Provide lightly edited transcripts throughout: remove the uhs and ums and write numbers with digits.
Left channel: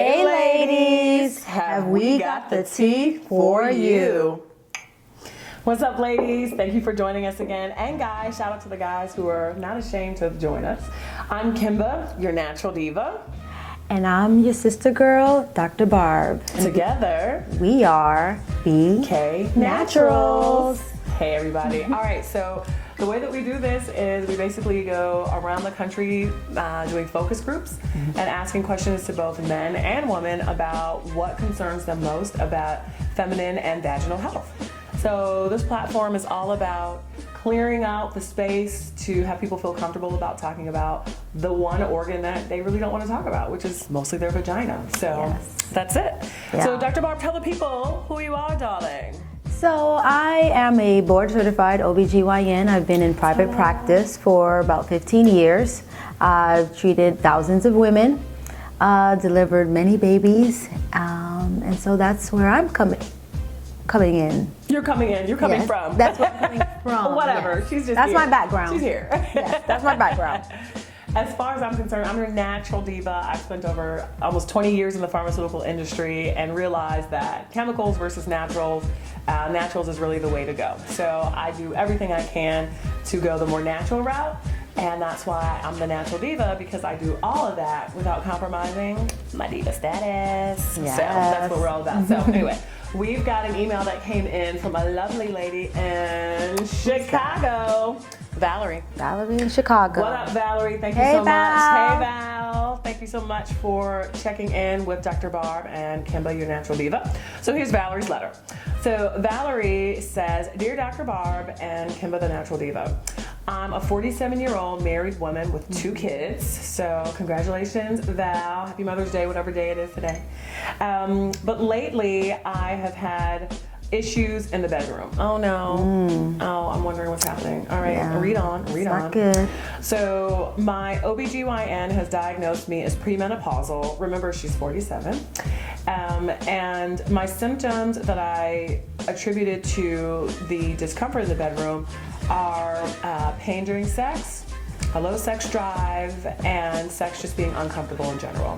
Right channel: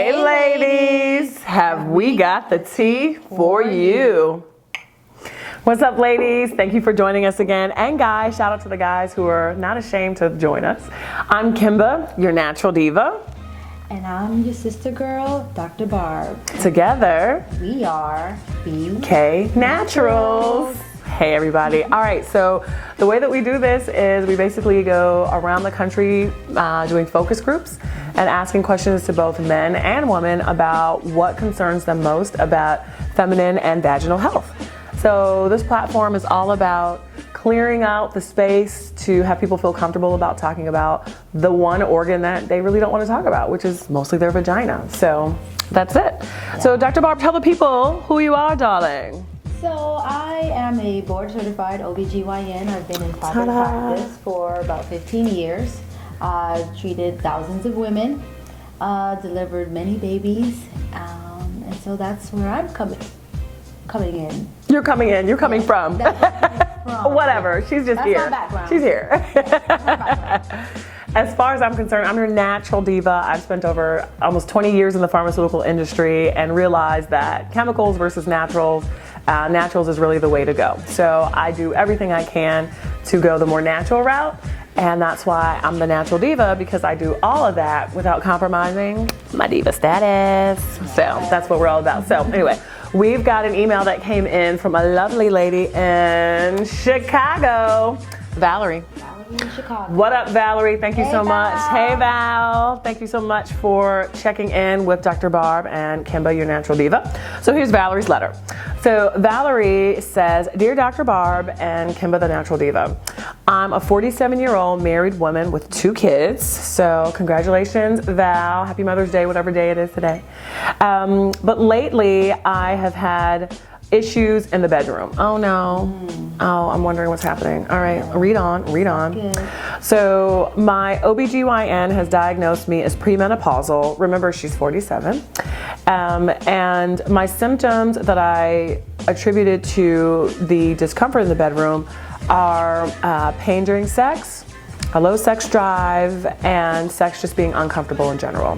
Hey ladies, have we got the tea for you? What's up ladies? Thank you for joining us again. And guys, shout out to the guys who are not ashamed to join us. I'm KIMBA, your natural diva. And I'm your sister girl, Dr. Barb. Together, we are BK Naturals. Hey everybody. All right, so the way that we do this is we basically go around the country doing focus groups and asking questions to both men and women about what concerns them most about feminine and vaginal health. So this platform is all about clearing out the space to have people feel comfortable about talking about the one organ that they really don't want to talk about, which is mostly their vagina. So that's it. Yeah. So Dr. Barb, tell the people who you are, darling. So I am a board certified OBGYN. I've been in private practice for about 15 years. I've treated thousands of women, delivered many babies, and so that's where I'm coming in. You're coming in. You're coming from. That's where I'm coming from. Whatever. Yeah. She's just that's here. That's my background. She's here. Yeah, that's my background. As far as I'm concerned, I'm your natural diva. I've spent over almost 20 years in the pharmaceutical industry and realized that chemicals versus naturals, naturals is really the way to go. So I do everything I can to go the more natural route. And that's why I'm the natural diva, because I do all of that without compromising my diva status. Yes. So that's what we're all about. So anyway, we've got an email that came in from a lovely lady in Chicago. Valerie. Valerie in Chicago. What up, Valerie? Thank you so much. Hey, Val. Thank you so much for checking in with Dr. Barb and KIMBA, your natural diva. So here's Valerie's letter. So Valerie says, Dear Dr. Barb and KIMBA, the natural diva, I'm a 47-year-old married woman with 2 kids. So congratulations, Val. Happy Mother's Day, whatever day it is today. But lately, I have had issues in the bedroom. Oh no. Oh, I'm wondering what's happening. All right, yeah. read on. Good. So my OBGYN has diagnosed me as premenopausal. Remember, she's 47. And my symptoms that I attributed to the discomfort in the bedroom are pain during sex, a low sex drive, and sex just being uncomfortable in general.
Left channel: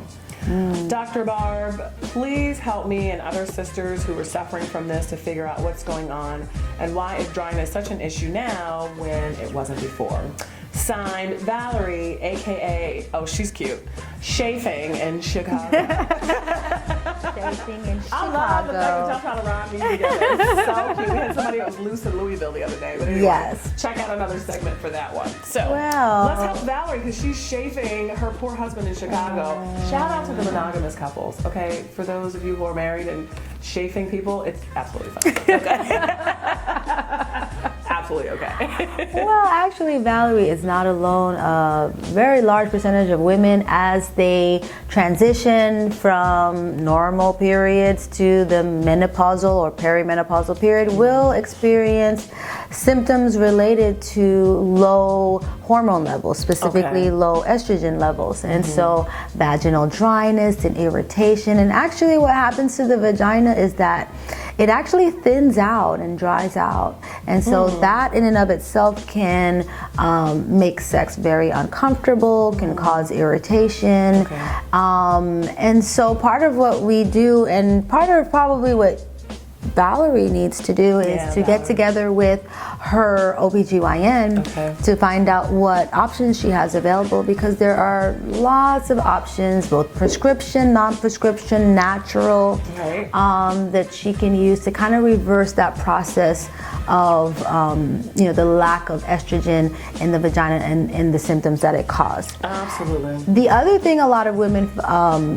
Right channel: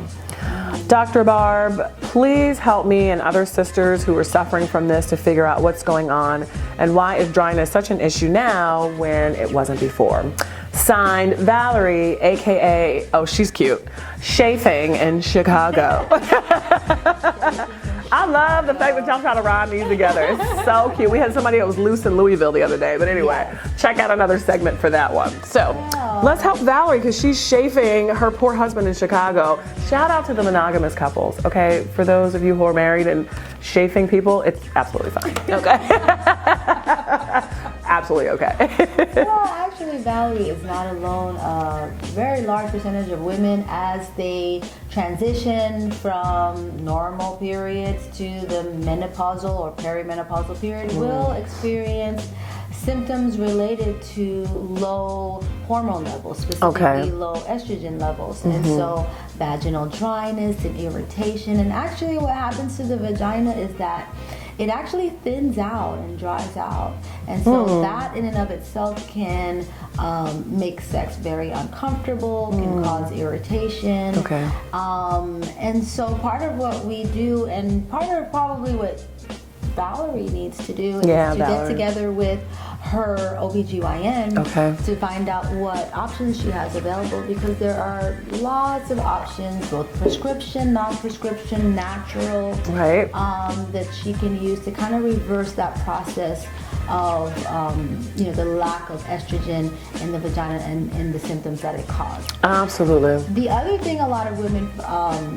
Dr. Barb, please help me and other sisters who are suffering from this to figure out what's going on and why is dryness such an issue now when it wasn't before. Signed, Valerie, aka, oh she's cute, Chafing in Chicago. I love the fact that y'all trying to rhyme these together. It's so cute. We had somebody that was loose in Louisville the other day, but anyway, check out another segment for that one. So let's help Valerie because she's chafing her poor husband in Chicago. Shout out to the monogamous couples, okay? For those of you who are married and chafing people, it's absolutely fine, okay? Absolutely okay. Well, actually, Valerie is not alone. A very large percentage of women, as they transition from normal periods to the menopausal or perimenopausal period, will experience symptoms related to low hormone levels, specifically low estrogen levels. And so vaginal dryness and irritation. And actually what happens to the vagina is that it actually thins out and dries out. And so that in and of itself can make sex very uncomfortable, can cause irritation. And so part of what we do, and part of probably what Valerie needs to do is to get together with her OBGYN to find out what options she has available, because there are lots of options, both prescription, non-prescription, natural, that she can use to kind of reverse that process of the lack of estrogen in the vagina and the symptoms that it caused. Absolutely. The other thing a lot of women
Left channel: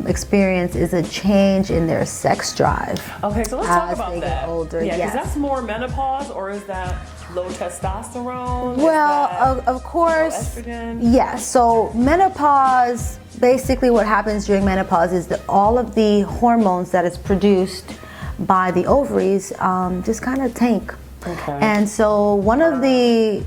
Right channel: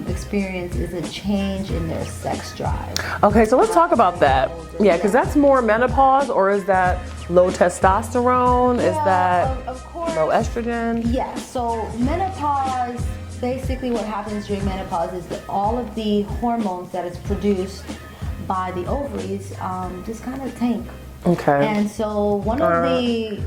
experience is a change in their sex drive. Okay, so let's talk about that. Older, yeah, because that's more menopause, or is that low testosterone? Well, is that of course, low estrogen? Yeah, so menopause, basically what happens during menopause is that all of the hormones that is produced by the ovaries just kind of tank. Okay. And so one of the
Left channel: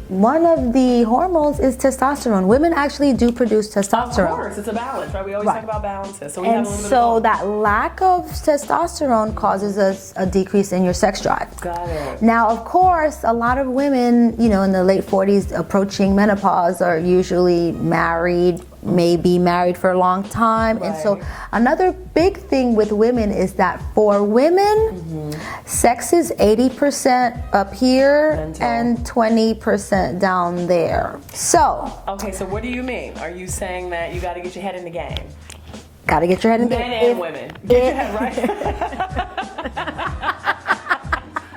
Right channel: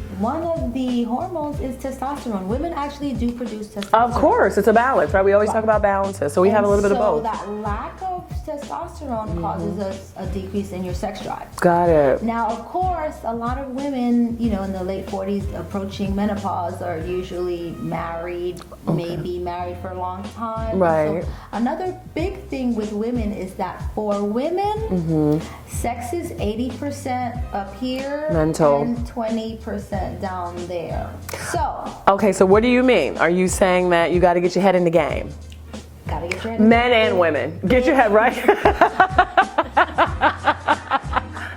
hormones is testosterone. Women actually do produce testosterone. Of course, it's a balance, right? We always talk about balances, so we have a little bit of both. So that lack of testosterone causes a decrease in your sex drive. Got it. Now, of course, a lot of women, in the late 40s approaching menopause are usually married may be married for a long time. Right. And so another big thing with women is that for women, sex is 80% up here Mental. and 20% down there. So, Okay, so what do you mean? Are you saying that you got to get your head in the game? gotta get your head in Men and women. Get your head right.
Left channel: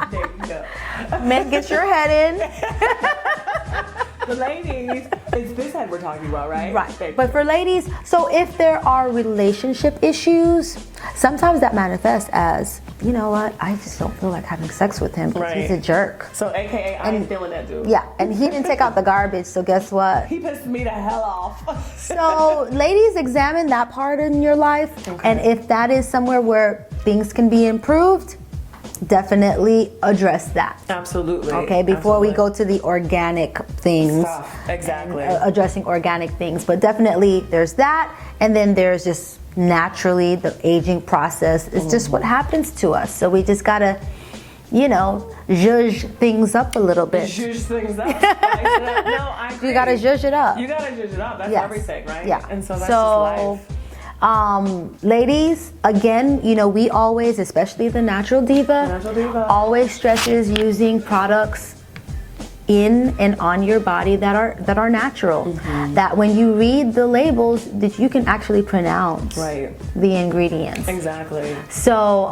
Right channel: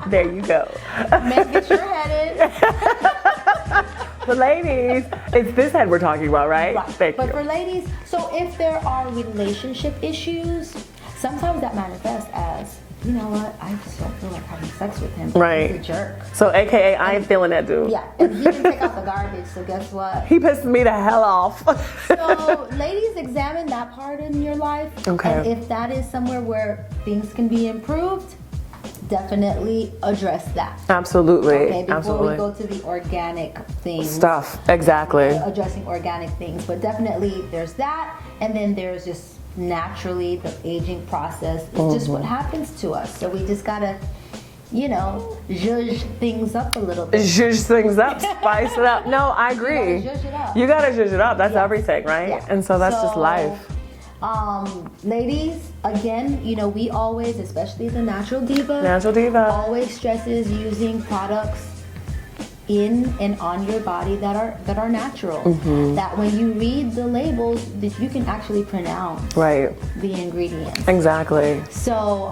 There you go. Men, get your head in. The ladies, it's this head we're talking about, right? Right. Thank But you. for ladies, so if there are relationship issues, sometimes that manifests as, you know what, I just don't feel like having sex with him because Right. he's a jerk. So AKA, I ain't feeling that dude. Yeah, and he didn't take out the garbage, so guess what? He pissed me the hell off. So ladies, examine that part in your life. Okay. And if that is somewhere where things can be improved, definitely address that. Absolutely. Okay, before we Absolutely. go to the organic things. Stuff. Exactly. Addressing organic things. But definitely there's that, and then there's just naturally the aging process. It's just what happens to us. So we just gotta, you know, zhuzh things up a little bit. Zhuzh things up, spice it up. No, I agree. You gotta zhuzh it up. You gotta zhuzh it up. That's Yes. everything, right? Yeah. And so that's just life. Ladies, again, you know, we always, especially the Natural Diva, Natural Diva. always stresses using products in and on your body that are natural. That when you read the labels, that you can actually pronounce Right. the ingredients. Exactly. So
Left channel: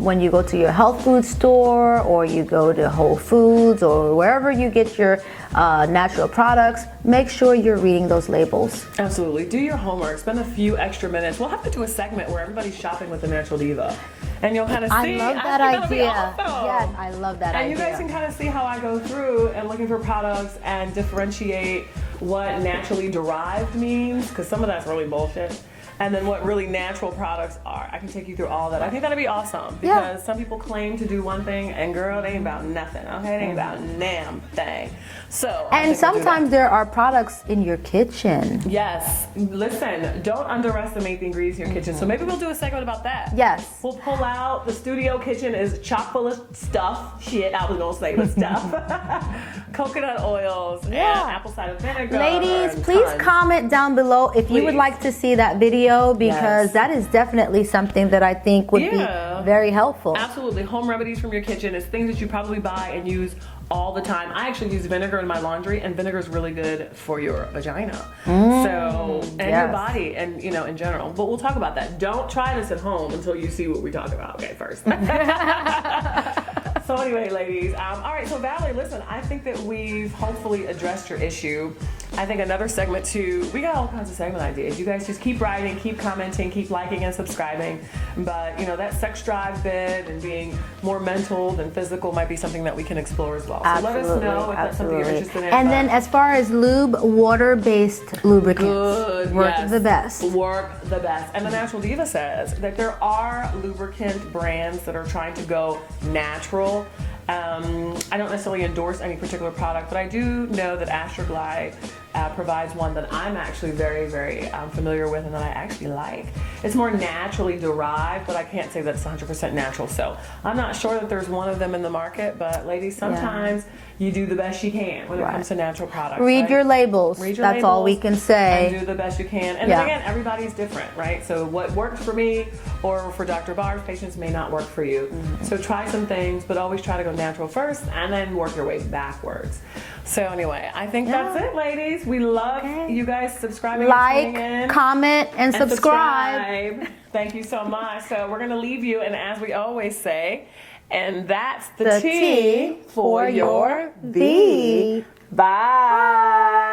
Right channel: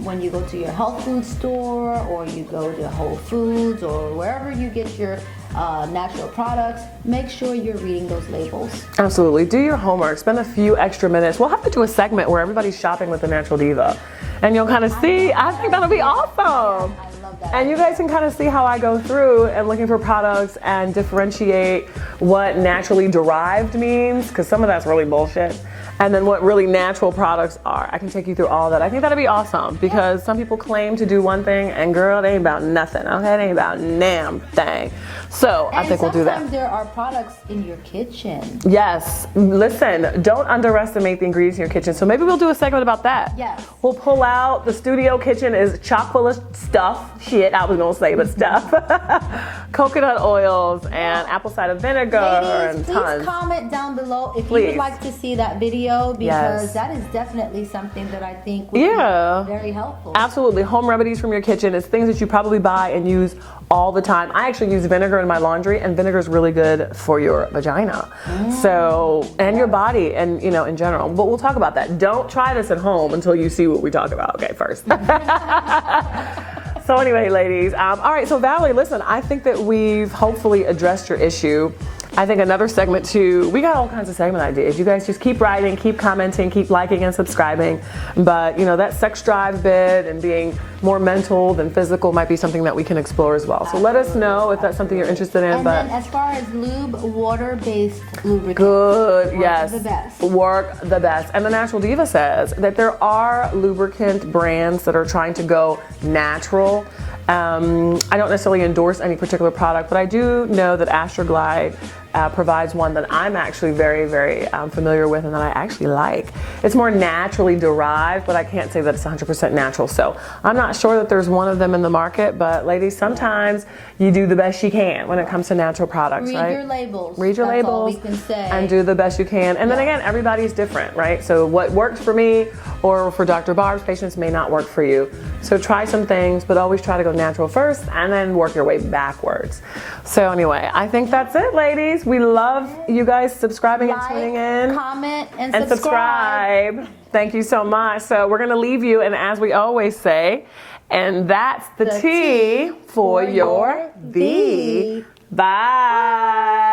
when you go to your health food store or you go to Whole Foods or wherever you get your natural products, make sure you're reading those labels. Absolutely. Do your homework. Spend a few extra minutes. We'll have to do a segment where everybody's shopping with the Natural Diva. And you'll kind of see. I think that'll be awesome. Yes, I love that. And you guys can kind of see how I go through and looking for products and differentiate what naturally derived means, because some of that's really bullshit. And then what really natural products are. I can take you through all that. I think that'd be awesome because some people claim to do one thing and girl, it ain't about nothing. Okay, it ain't about damn thing. So I And think we'll do that. sometimes there are products in your kitchen. Yes. Listen, don't underestimate the ingredients in your kitchen. So maybe we'll do a segment about that. Yes. We'll pull out, the studio kitchen is chock full of stuff. Shit, I was gonna say, but stuff. Coconut oils and apple cider vinegar. Ladies, and please tons. comment down below if you would Please. like to see that video, Yes. because that is definitely something that I think would Yeah. be very helpful. Absolutely. Home remedies from your kitchen is things that you probably buy and use all the time. I actually use vinegar in my laundry, and vinegar is really good for your vagina. So, and your yes. body, and you know, in general. But we'll talk about that. Don't try this at home until you see what we talk about. Okay, first. So anyway, ladies, all right, so Valerie, listen, I think that we've hopefully addressed your issue. I think another segment too, we got all kinds of segment ideas. You guys just keep writing, keep commenting, keep liking and subscribing. But you know, that sex drive bit and being more mental than physical might be something that we can explore as well. So let us know if that's something you're interested in. And but then as far as lube, water-based lubricants. good, work yes. the best. Work the best. And the Natural Diva says that there are lubricant brands that are trying to go natural. I don't necessarily endorse any particular product, but I do know that Astroglide provides one that I'm actually very, very familiar with and that I actually like. It's more naturally derived, but I can't say that it's 100% natural. So I'm not sure that there's one of them in the market, but ladies, sometimes you do the best you can when it comes to natural products. Read right? your labels. Read your That's labels. all we can say. And do the best you can. And then Yeah. again, everybody's different, right? So what works for me or for Dr. Barb's patients may not work for you. So try some things, but always try to go natural first and then work your way backwards. So anyway, I think that's it, ladies. We love you guys subscribing and tuning in. Like, comment, and And subscribe. Thank you so much. So we're going to leave you, and as we always say, and that's the, The T T for for your your V. V. Bye.